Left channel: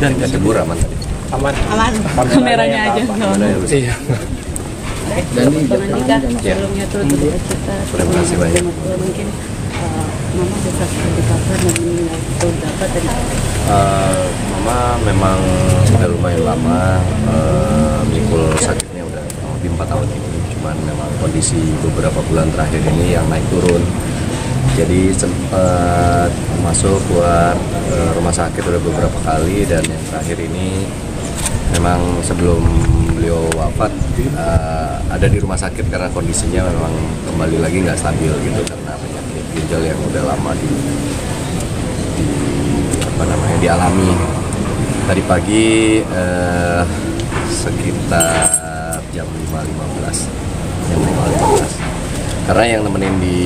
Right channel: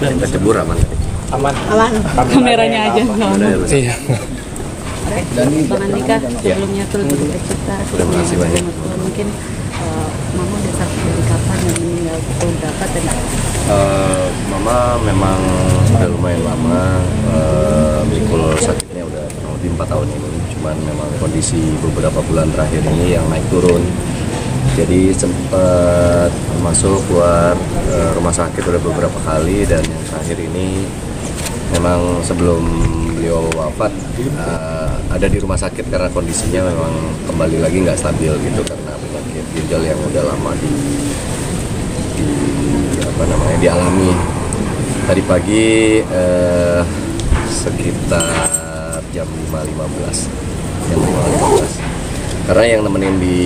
Dari cebur aman tadi. Aman. Kameranya aja. Iya. Dan nikah sebelumnya tuh 3 juta. Terima kasih banyak. Mungkin mama bisa dari kapan dan meninggal itu berapa tadi? Mama memang sudah lumayan lama, mikul sakitnya udah kurang lebih 4 tahun ini. Cuman memang kondisi beberapa bulan terakhir ini yang naik turun. Jadi sempat masuk keluar rumah sakit udah beberapa kali, dan yang terakhir ini memang sebelum beliau wafat ada di rumah sakit karena kondisinya memang kembali lagi nggak stabil gitu karena penyakit ginjal yang udah lama dialami. Tadi pagi sekitar jam 5.15. Karena yang nemenin di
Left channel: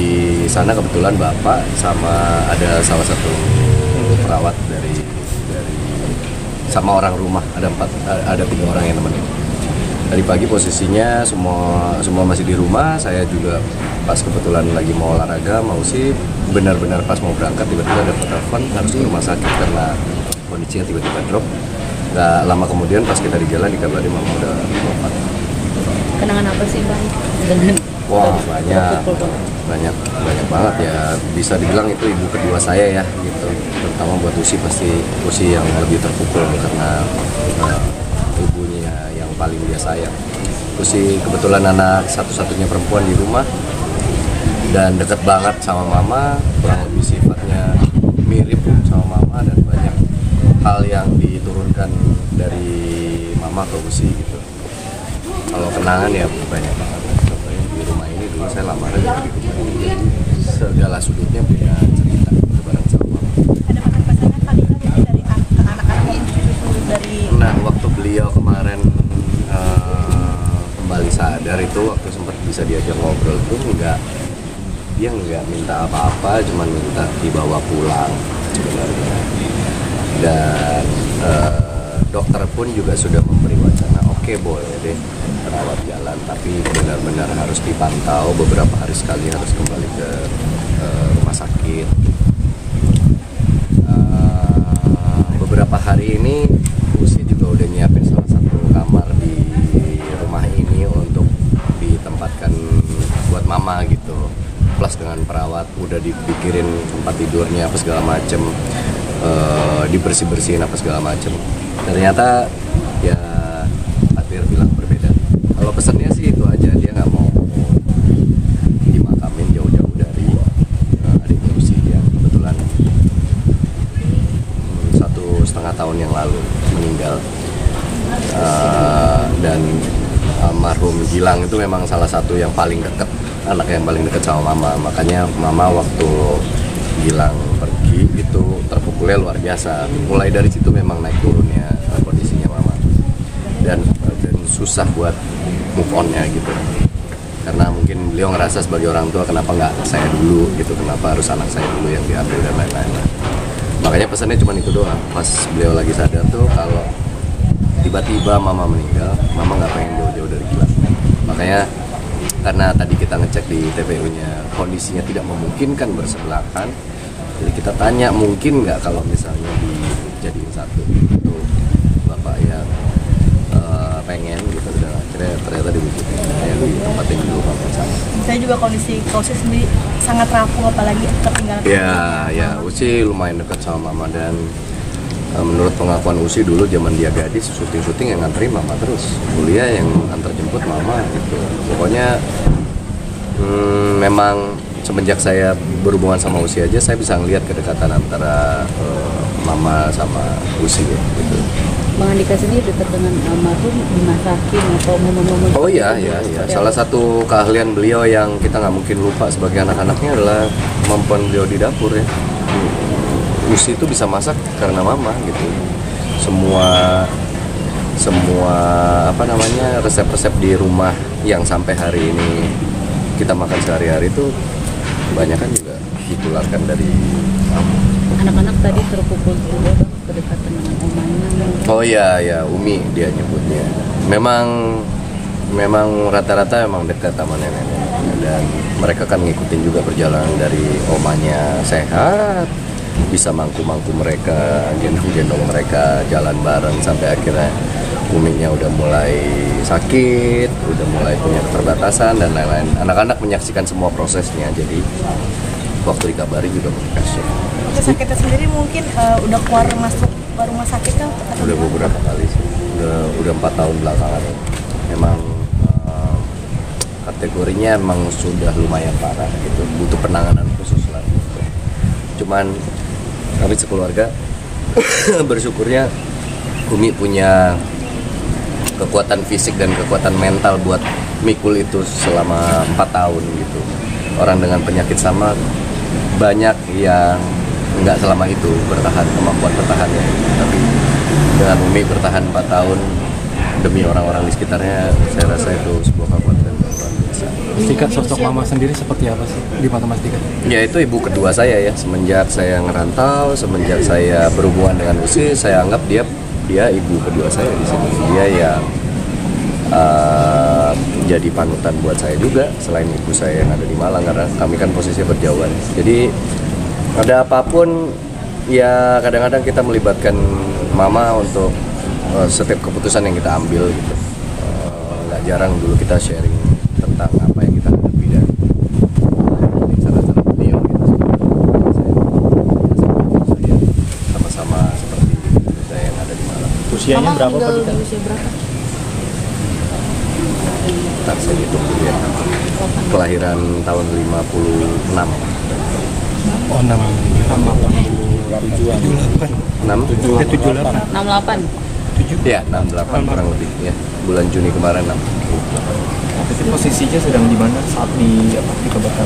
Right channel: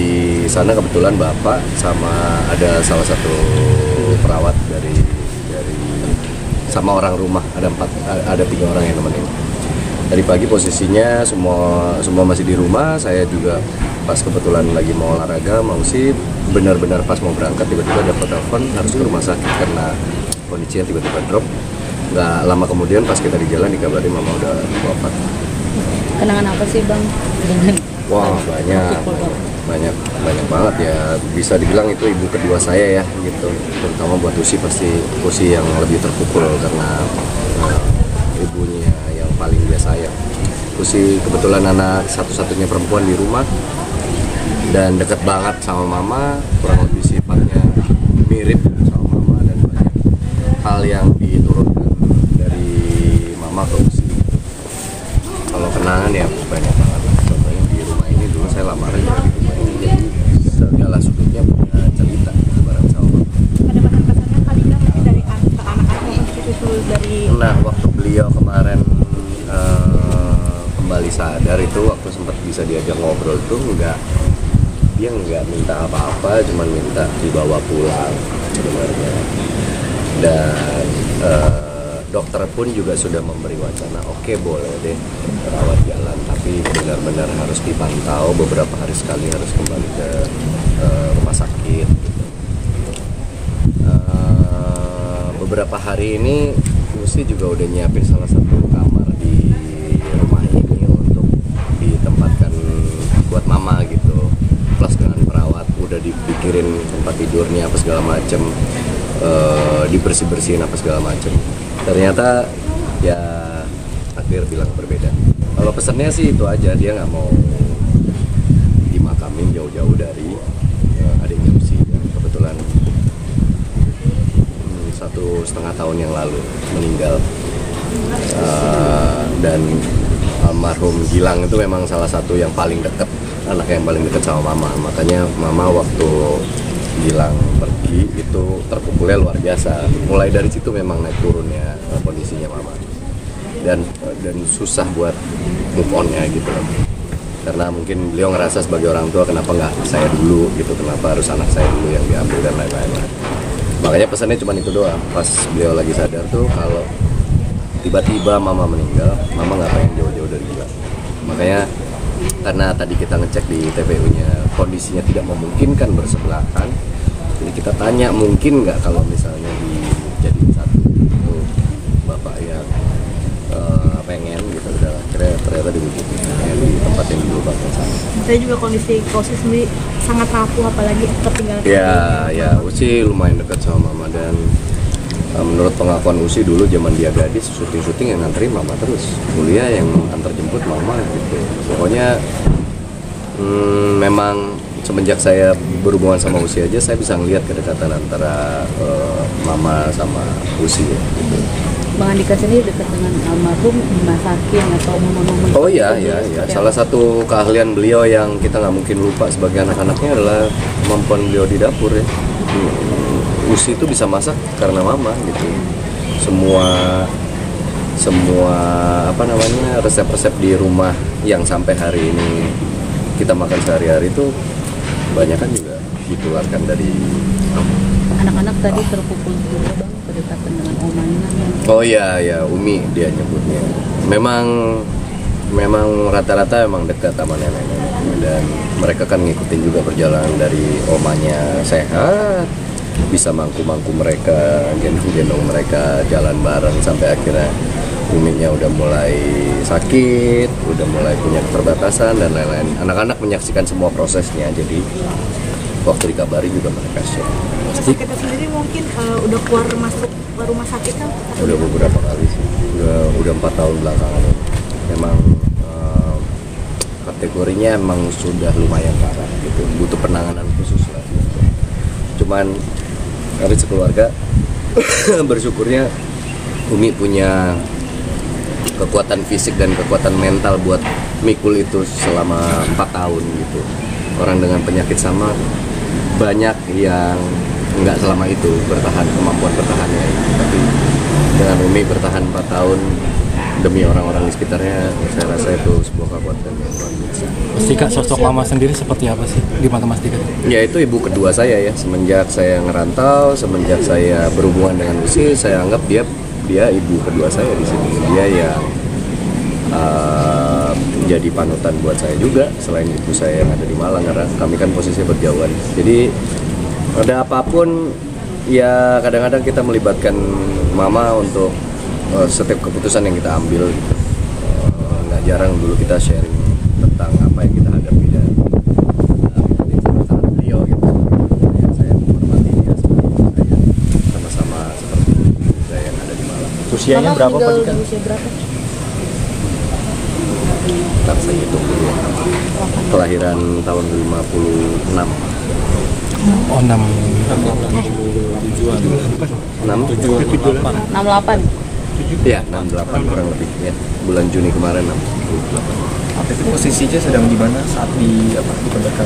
sana kebetulan bapak sama ada salah satu perawat dari sama orang rumah, ada 3 orang yang nemenin. Tadi pagi posisinya semua masih di rumah. Saya juga pas kebetulan lagi mau olahraga, mau sih benar-benar pas mau berangkat tiba-tiba dapat telepon harus ke rumah sakit karena kondisinya tiba-tiba drop. Nggak lama kemudian pas kita di jalan dikabari mama udah wafat. Kenangan apa sih Bang? Wah, banyak banget ya, bisa dibilang itu ibu kedua saya ya gitu, terutama buat Usi, pasti Usi yang lebih terpukul karena ibunya yang paling dia sayang. Usi kebetulan anak satu-satunya perempuan di rumah dan deket banget sama mama, kurang lebih sifatnya mirip sama mama dan banyak hal yang diturunkan dari mama ke Usi gitu. Kalau kenangan ya banyak banget lah. Contohnya di rumah ini dulu saya lamaran juga di rumah ini, jadi segala sudutnya punya cerita bareng sama mama. Ada pesan-pesan kali nggak dari ke anak-anak itu dari? Nah, waktu beliau kemarin kembali sadar itu, waktu sempat bisa diajak ngobrol itu dia nggak minta apa-apa, cuman minta dibawa pulang sebenarnya. Dan dokter pun juga sudah memberi wacana, oke, boleh deh rawat jalan, tapi benar-benar harus dipantau beberapa hari sekali, harus kembali ke rumah sakit. Beberapa hari ini Usi juga udah nyiapin salah satu kamar di rumah ini untuk ditempatkan buat mama gitu, plus dengan perawat, udah dipikirin tempat tidurnya apa segala macem, dibersih-bersihin apa segala macem. Ternyata ya takdir bilang berbeda. Kalau pesannya sih itu aja, dia nggak mau dimakamin jauh-jauh dari adiknya Usi yang kebetulan 1,5 tahun yang lalu meninggal. Dan almarhum Gilang itu memang salah satu yang paling dekat, anak yang paling dekat sama mama. Makanya mama waktu Gilang pergi itu terpukulnya luar biasa. Mulai dari situ memang naik turunnya kondisinya mama, dan susah buat move onnya gitu. Karena mungkin beliau ngerasa sebagai orang tua, kenapa nggak saya dulu gitu, kenapa harus anak saya dulu yang diambil dan lain-lain. Makanya pesannya cuma itu doang. Pas beliau lagi sadar tuh, kalau tiba-tiba mama meninggal, mama nggak pengen jauh-jauh dari Gilang. Makanya karena tadi kita ngecek di TPU-nya kondisinya tidak memungkinkan bersebelahan, jadi kita tanya mungkin nggak kalau misalnya dijadiin satu itu bapak yang pengen gitu, udah ternyata diwujudin yang di tempat yang dulu bapak sama. Saya juga kondisi sendiri sangat rapuh, apalagi tertinggal. Ya Usi lumayan dekat sama mama, dan menurut pengakuan Usi dulu zaman dia gadis, syuting yang nganterin mama terus, kuliah yang antar jemput mama gitu. Pokoknya memang semenjak saya berhubungan sama Usi aja, saya bisa ngelihat kedekatan antara mama sama Usi ya, gitu. Bang Andika sendiri dekat dengan almarhum dimasakin atau momen-momen? Oh iya. Salah satu keahlian beliau yang kita nggak mungkin lupa sebagai anak-anaknya adalah kemampuan beliau di dapur ya. Usi itu bisa masak karena mama gitu. Semua resep-resep di rumah yang sampai hari ini kita makan sehari-hari itu kebanyakan juga ditularkan dari mama. Anak-anak tadi terpukul juga berdekatan dengan omanya. Oh iya, Umi dia nyebutnya. Memang memang rata-rata memang dekat sama nenek-nenek, dan mereka kan ngikutin juga perjalanan dari omanya sehat, bisa mangku-mangku mereka, gendong-gendong mereka jalan bareng sampai akhirnya uminya udah mulai sakit, udah mulai punya keterbatasan dan lain-lain. Anak-anak menyaksikan semua prosesnya, jadi waktu dikabari juga mereka shock. Sakitnya sendiri mungkin udah keluar masuk rumah sakit kan? Udah beberapa kali sih, udah 4 tahun belakangan ini. Memang kategorinya emang sudah lumayan parah gitu, butuh penanganan khusus lah gitu. Cuman kami sekeluarga bersyukurnya Umi punya kekuatan fisik dan kekuatan mental buat mikul itu selama 4 tahun gitu. Orang dengan penyakit sama banyak yang nggak selama itu bertahan, kemampuan bertahannya, tapi dengan Umi bertahan 4 tahun demi orang-orang di sekitarnya, saya rasa itu sebuah kekuatan yang luar biasa. Tika, sosok mama sendiri seperti apa sih di mata Mas Tika? Ya itu ibu kedua saya ya, semenjak saya ngerantau, semenjak saya berhubungan dengan Usi, saya anggap dia ibu kedua saya di sini. Dia yang jadi panutan buat saya juga, selain ibu saya yang ada di Malang, karena kami kan posisinya berjauhan. Jadi ada apapun ya kadang-kadang kita melibatkan mama untuk setiap keputusan yang kita ambil gitu. Nggak jarang dulu kita sharing tentang apa yang kita hadapi dan sama beliau gitu. Saya sama-sama seperti ibu saya yang ada di Malang. Usianya berapa Pak Tika? Usia berapa? Ntar saya hitung dulu ya. Kelahiran tahun 56. Oh, 6. 68. Ya, 68 kurang lebih ya. Bulan Juni kemarin 68. Tapi posisinya sedang di mana saat dikabarkan?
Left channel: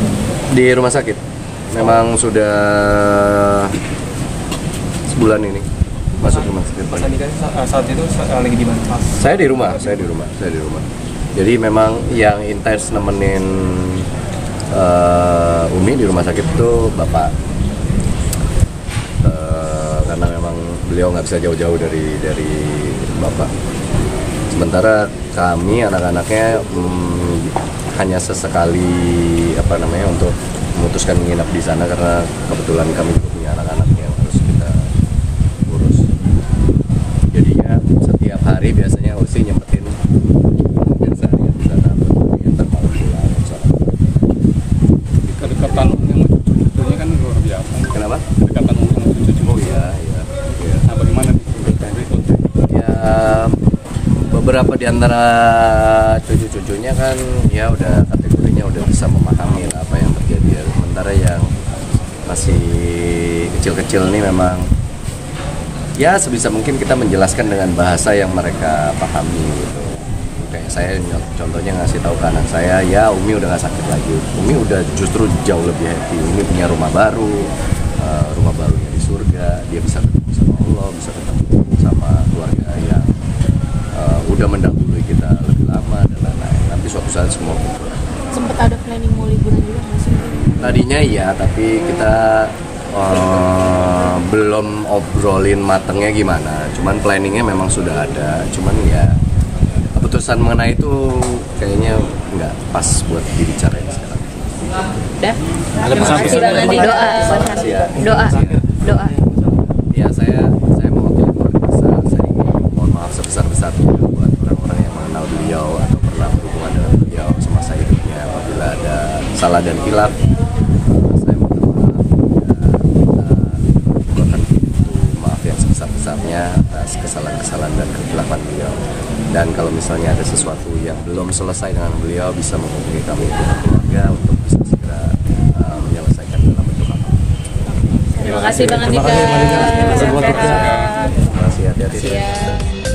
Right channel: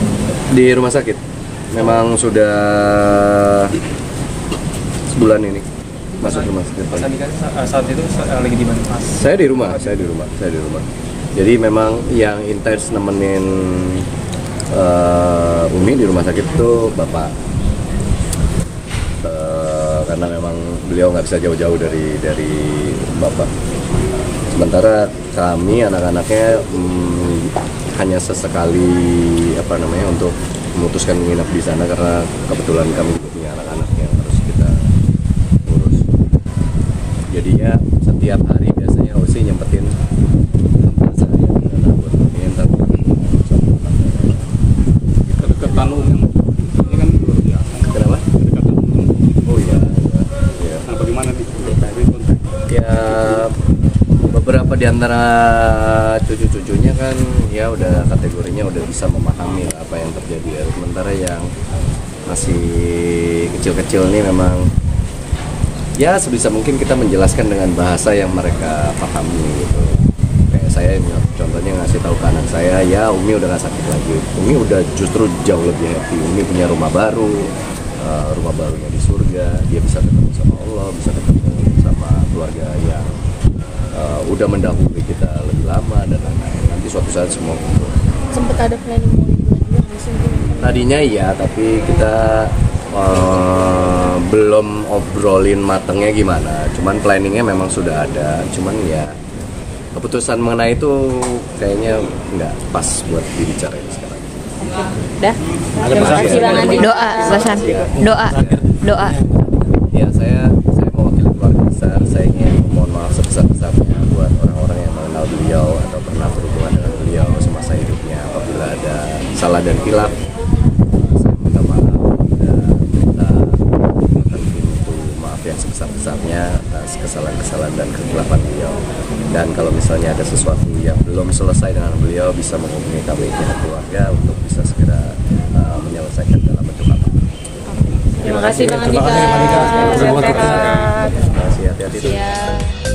Di rumah sakit. Memang sudah sebulan ini masuk rumah sakit. Saat itu lagi di mana? Saya di rumah. Jadi memang yang intens nemenin Umi di rumah sakit itu bapak, karena memang beliau nggak bisa jauh-jauh dari bapak. Sementara kami anak-anaknya hanya sesekali untuk memutuskan menginap di sana, karena kebetulan kami juga punya anak-anak yang harus kita urus. Jadinya setiap hari biasanya Usi nyempetin hampir seharian di sana buat Umi yang Kedekatan yang cucunya kan luar biasa. Kenapa? Kedekatan yang cucunya. Oh iya. Nah, bagaimana nih dokter itu? Ya beberapa di antara cucu-cucunya kan ya udah kategorinya udah bisa memahami lah apa yang terjadi ya. Sementara yang masih kecil-kecil nih memang ya sebisa mungkin kita menjelaskan dengan bahasa yang mereka pahami gitu. Kayak saya contohnya ngasih tahu ke anak saya, ya Umi udah gak sakit lagi, Umi udah justru jauh lebih happy, Umi punya rumah baru, rumah barunya di surga, dia bisa ketemu sama Allah, bisa ketemu sama keluarga yang udah mendahului kita lebih lama dan lain-lain. Nanti suatu saat semua kumpul. Sempet ada planning mau liburan juga nggak sih? Tadinya iya, tapi kita belum obrolin matengnya gimana. Cuman planningnya memang sudah ada. Cuman ya keputusan mengenai itu kayaknya nggak pas buat dibicarain sekarang. Dah. Terima kasih. Doa, Mas Andi. Doa. Ya saya mewakili keluarga besar. Saya ingin mohon maaf sebesar-besarnya buat orang-orang yang mengenal beliau atau pernah berhubungan dengan beliau semasa hidupnya. Apabila ada salah dan hilaf, saya minta maaf dan minta bukan pintu maaf yang sebesar-besarnya atas kesalahan-kesalahan dan kehilafan beliau. Dan kalau misalnya ada sesuatu yang belum selesai dengan beliau, bisa menghubungi kami pihak keluarga untuk bisa segera menyelesaikan dalam bentuk apa. Terima kasih Bang Andika. Terima kasih, hati-hati.